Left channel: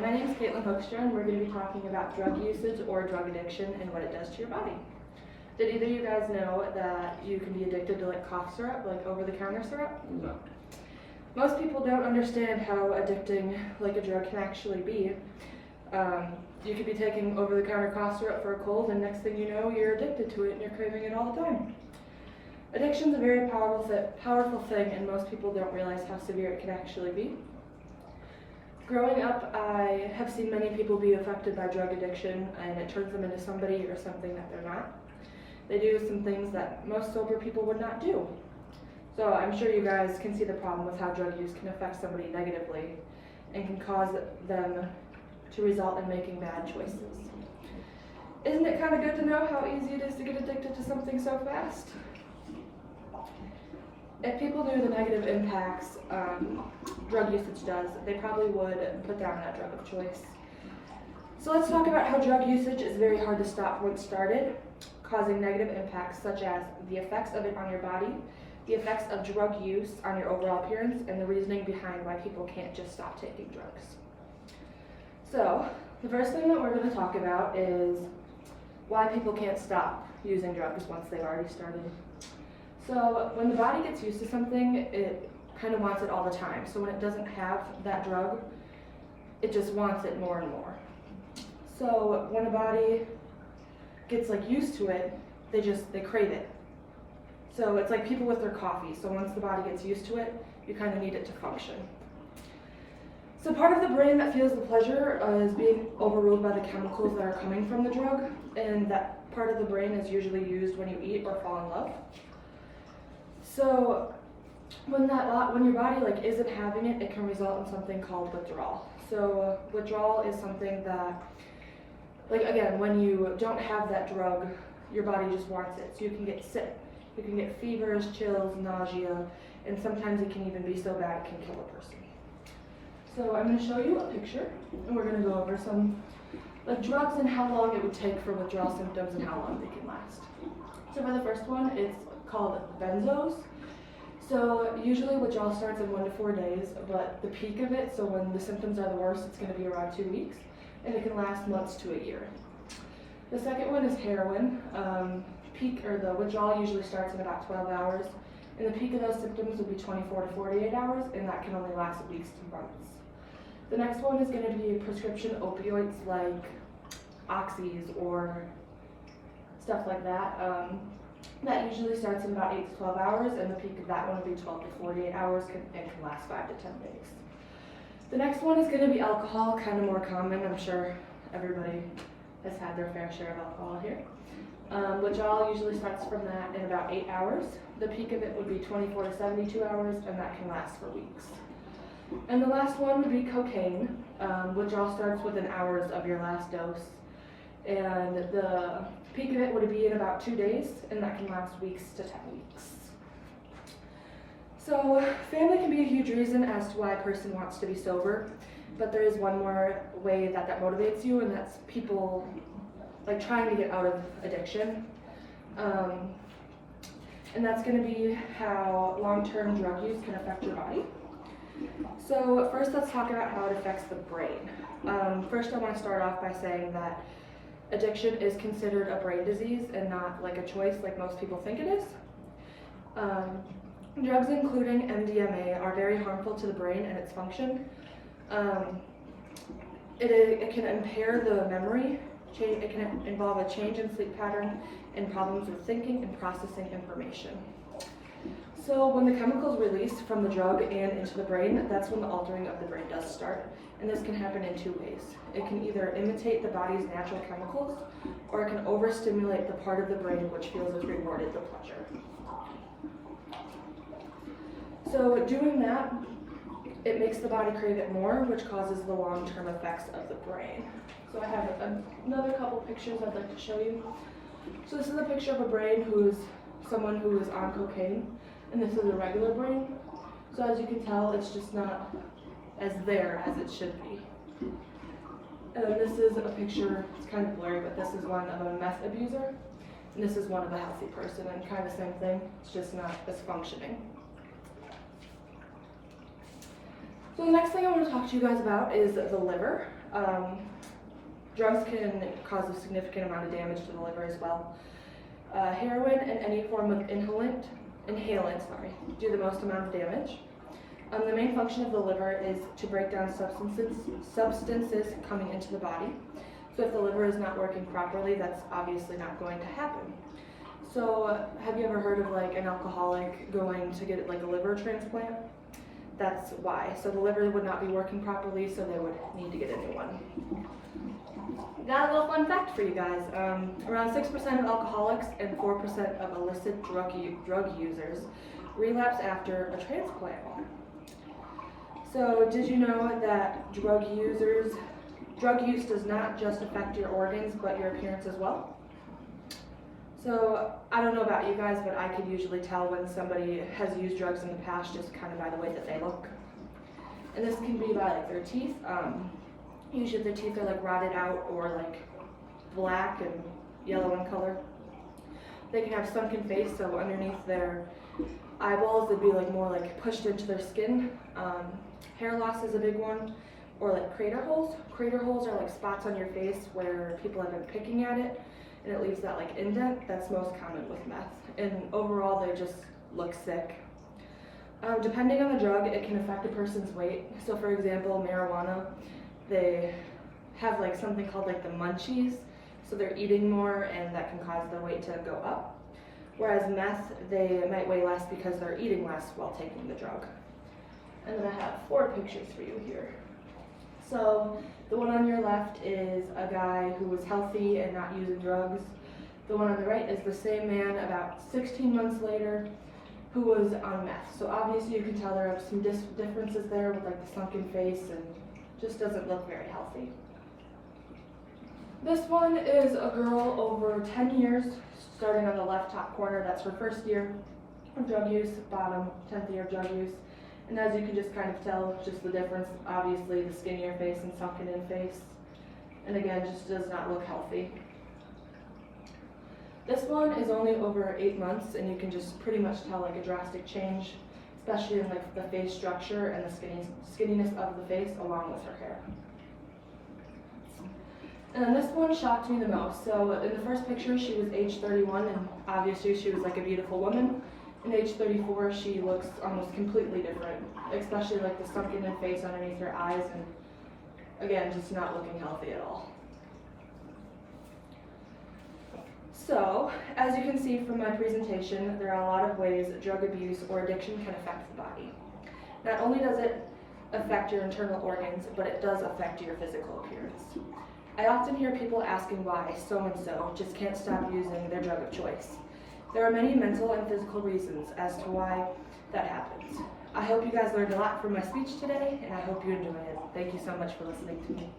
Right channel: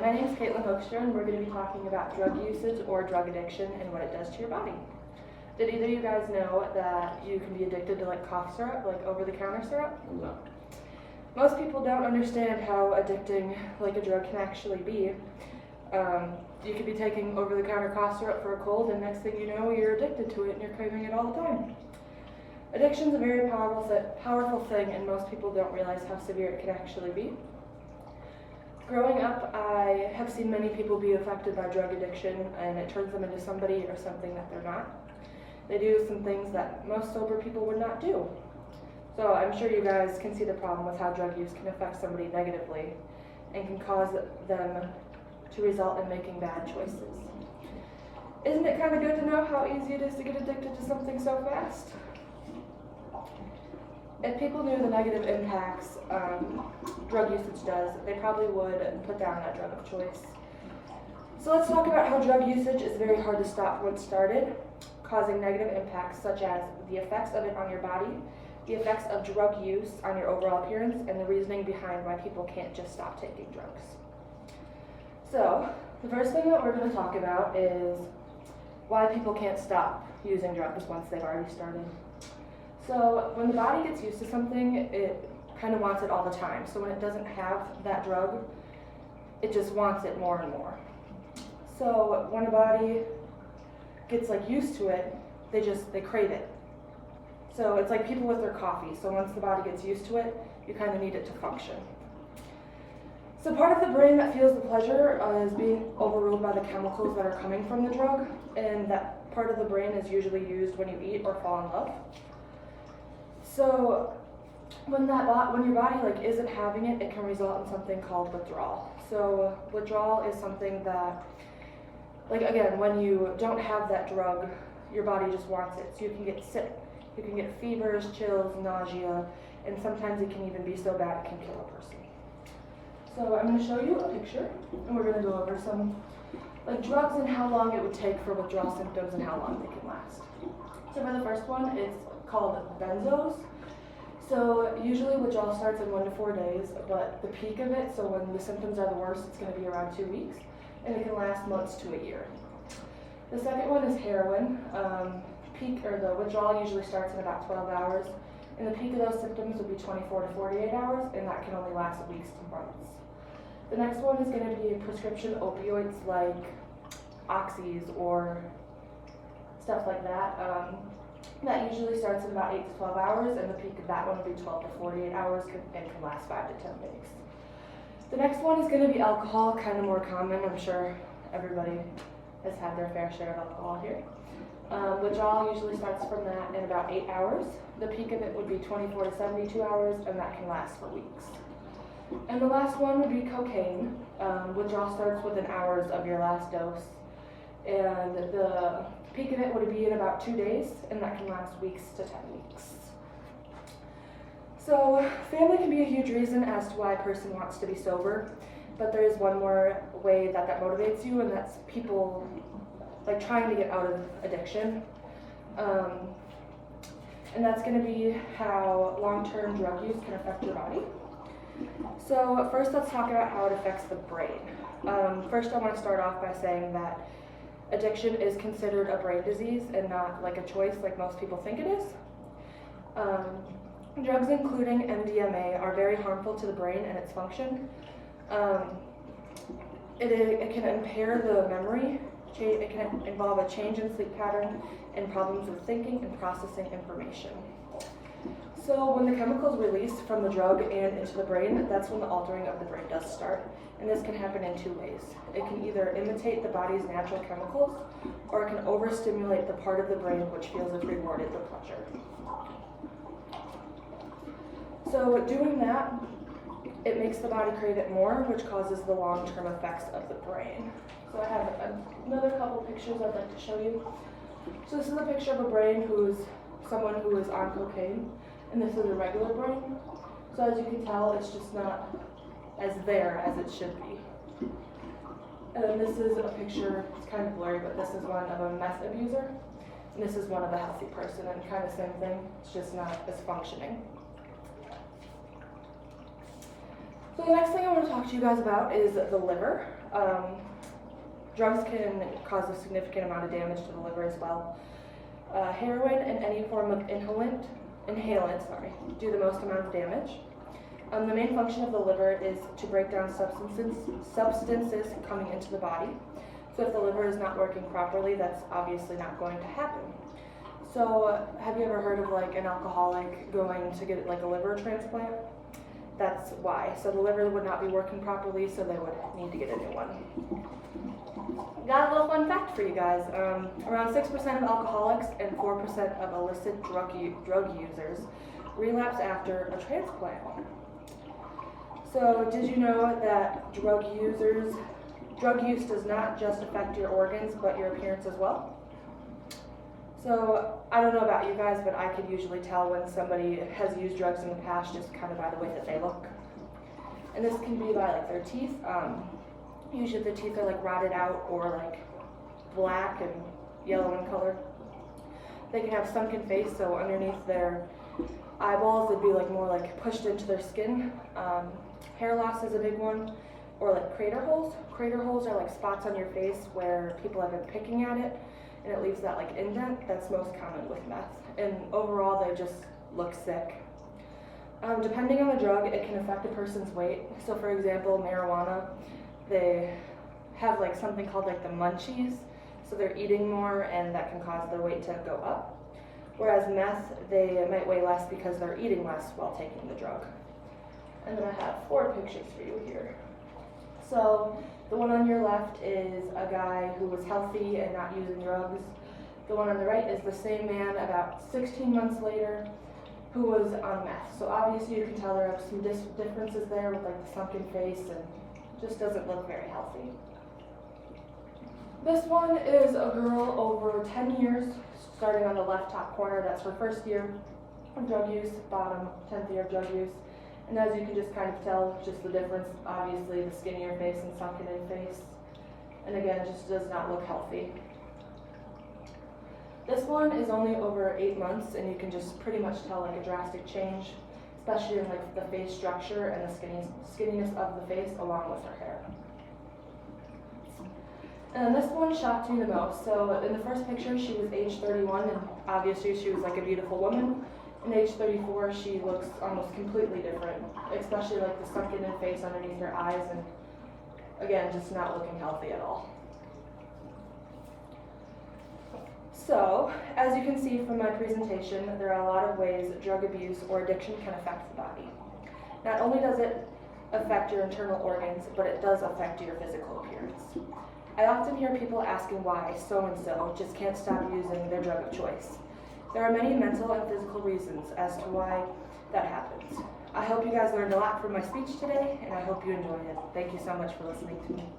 my name is Katelyn Hoekstra, and we're going to be talking about drug usage or drug addiction and what it does to your body. Did either of you guys know that you can be addicted to like cough syrup, like over-the-counter syrup? No. Most people don't understand how addicting like a drug can actually be. You could be taking over-the-counter cough syrup for a cold, and next thing you know, you're addicted to it and you're craving it all the time. Addiction is a very powerful thing, and most people don't realize how severe it can actually be. Growing up, I have seen many people be affected by drug addiction, and it turns them into somebody or something that they're not. They do some things that most sober people would not do. So I'm sure you guys can see the problem with how drug use can affect somebody negatively and can cause them to result in making bad choices. Isn't it kind of good to know how easy it is to get addicted to something so fast? If people knew the negative impacts drug usage does, they probably would put down that drug of choice. So let's talk about how drug usage is very hard to stop once started, causing negative impacts such as the effects of it on your body, the effects of drug use on your overall appearance, and the reasoning behind why people can't just stop taking drugs. So the first thing that we're going to talk about is why people can't stop using drugs once they've already started. So when the body gets used to something, it kind of wants it all the time. So when it doesn't have that drug, it just wants it more and more. So when a body gets like used to it, they crave it. So it's like people with their coffee. So once the body gets used to it, you kind of need it to function. So part of the brain that feels the pleasure is being overruled by the chemicals that are coming from the drug, and that part of the brain is usually used when you eat or fall in love. So when your body like isn't having it, it can result in something called withdrawal. So withdrawal is something that, like again, when you don't have that drug, your body just wants it. So you can get sick, you can get fevers, chills, nausea, and sometimes it can even be so bad it can kill a person. So I'm going to show you a picture, and we're going to go over some like drugs and how long it would take for withdrawal symptoms and how long they can last. So for the first one, it's called benzos. So usually withdrawal starts in 1 to 4 days, but the peak of it, so when the symptoms are the worst, it's going to be around 2 weeks, and it can last months to a year. The second one is heroin. The withdrawal usually starts in about 12 hours, and the peak of those symptoms would be 24 to 48 hours, and that can only last weeks to months. The next one is going to be prescription opioids like oxys or stuff like that. That usually starts in about 8 to 12 hours, and the peak of that one will be 12 to 48 hours and can last 5 to 10 days. The next one is going to be alcohol, kind of more common. I'm sure everybody has had their fair share of alcohol here. Withdrawal usually starts from that in about 8 hours. The peak of it would be 24 to 72 hours, and that can last for weeks. And the last one would be cocaine. Withdrawal starts within hours of your last dose, and the peak of it would be in about 2 days, and that can last weeks to 10 weeks. So family can be a huge reason as to why a person wants to be sober, but there is one more way that motivates you, and that's people like trying to get out of addiction. And that's going to be how long-term drug use can affect your body. So first let's talk about how it affects the brain. First I want to start off by saying that addiction is considered a brain disease and not like a choice like most people think it is. Drugs including MDMA are very harmful to the brain and its function. It can impair the memory, it can involve a change in sleep pattern and problems with thinking and processing information. So when the chemicals release from the drug and into the brain, that's when the altering of the brain does start. And this can happen in 2 ways. It can either imitate the body's natural chemicals, or it can overstimulate the part of the brain which feels it's rewarded the pleasure. So doing that, it makes the body crave it more, which causes the long-term effects of the brain. So I have another couple pictures I'd like to show you. So this is a picture of a brain someone who is on cocaine, and this is a regular brain. So as you can tell, it's just not as there as it should be. And then this is a picture, it's kind of blurry, but this is one of a meth abuser, and this is one of a healthy person, and kind of same thing, it's just not as functioning. So the next thing I want to talk to you guys about is the liver. Drugs can cause a significant amount of damage to the liver as well. Heroin and any form of inhalant, do the most amount of damage. The main function of the liver is to break down substances coming into the body. So if the liver is not working properly, that's obviously not going to happen. So have you ever heard of like an alcoholic going to get like a liver transplant? That's why. So the liver would not be working properly, so they would need to get a new one. Got a little fun fact for you guys. Around 6% of alcoholics and 4% of illicit drug users relapse after a transplant. So did you know that drug use does not just affect your organs, but your appearance as well? So I don't know about you guys, but I could usually tell when somebody has used drugs in the past just kind of by the way that they look. And this can be by like their teeth. Usually their teeth are like rotted out or like black and yellow in color. They can have sunken face, so underneath their eyeballs they'd be like more like pushed into their skin. Hair loss is a big one. Or like crater holes. Crater holes are like spots on your face where people have been picking at it and it leaves that like indent. That's most common with meth. And overall they just look sick. Depending on the drug, it can affect a person's weight. So for example, marijuana, they have like something called like the munchies. So they're eating more and that can cause their weight to go up. Whereas meth, they might weigh less because they're eating less while taking the drug. And then I have 4 pictures for you here. So the one on your left is a guy who was healthy and not using drugs. The one on the right is the same man about 16 months later who was on meth. So obviously you can tell there are some differences there with like the sunken face and just doesn't look very healthy. This one is a girl over 10 years, starting on the left top corner. That's her first year of drug use, bottom 10th year of drug use. And as you can just kind of tell, just the difference, obviously the skinnier face and sunken in face. And again, just does not look healthy. This one is only over 8 months and you can just pretty much tell like a drastic change, especially in like the face structure and the skinniness of the face along with her hair. And then this one shocked me the most. So in the first picture, she was age 31 and obviously she was like a beautiful woman. In age 34, she looks almost completely different, especially like the sunken in face underneath her eyes and again, just not looking healthy at all. So, as you can see from my presentation, there are a lot of ways drug abuse or addiction can affect the body. Not only does it affect your internal organs, but it does affect your physical appearance. I often hear people asking why so-and-so just can't stop using their drug of choice. There are many mental and physical reasons as to why that happens. I hope you guys learned a lot from my speech today, and I hope you enjoyed it. Thank you so much for listening to me.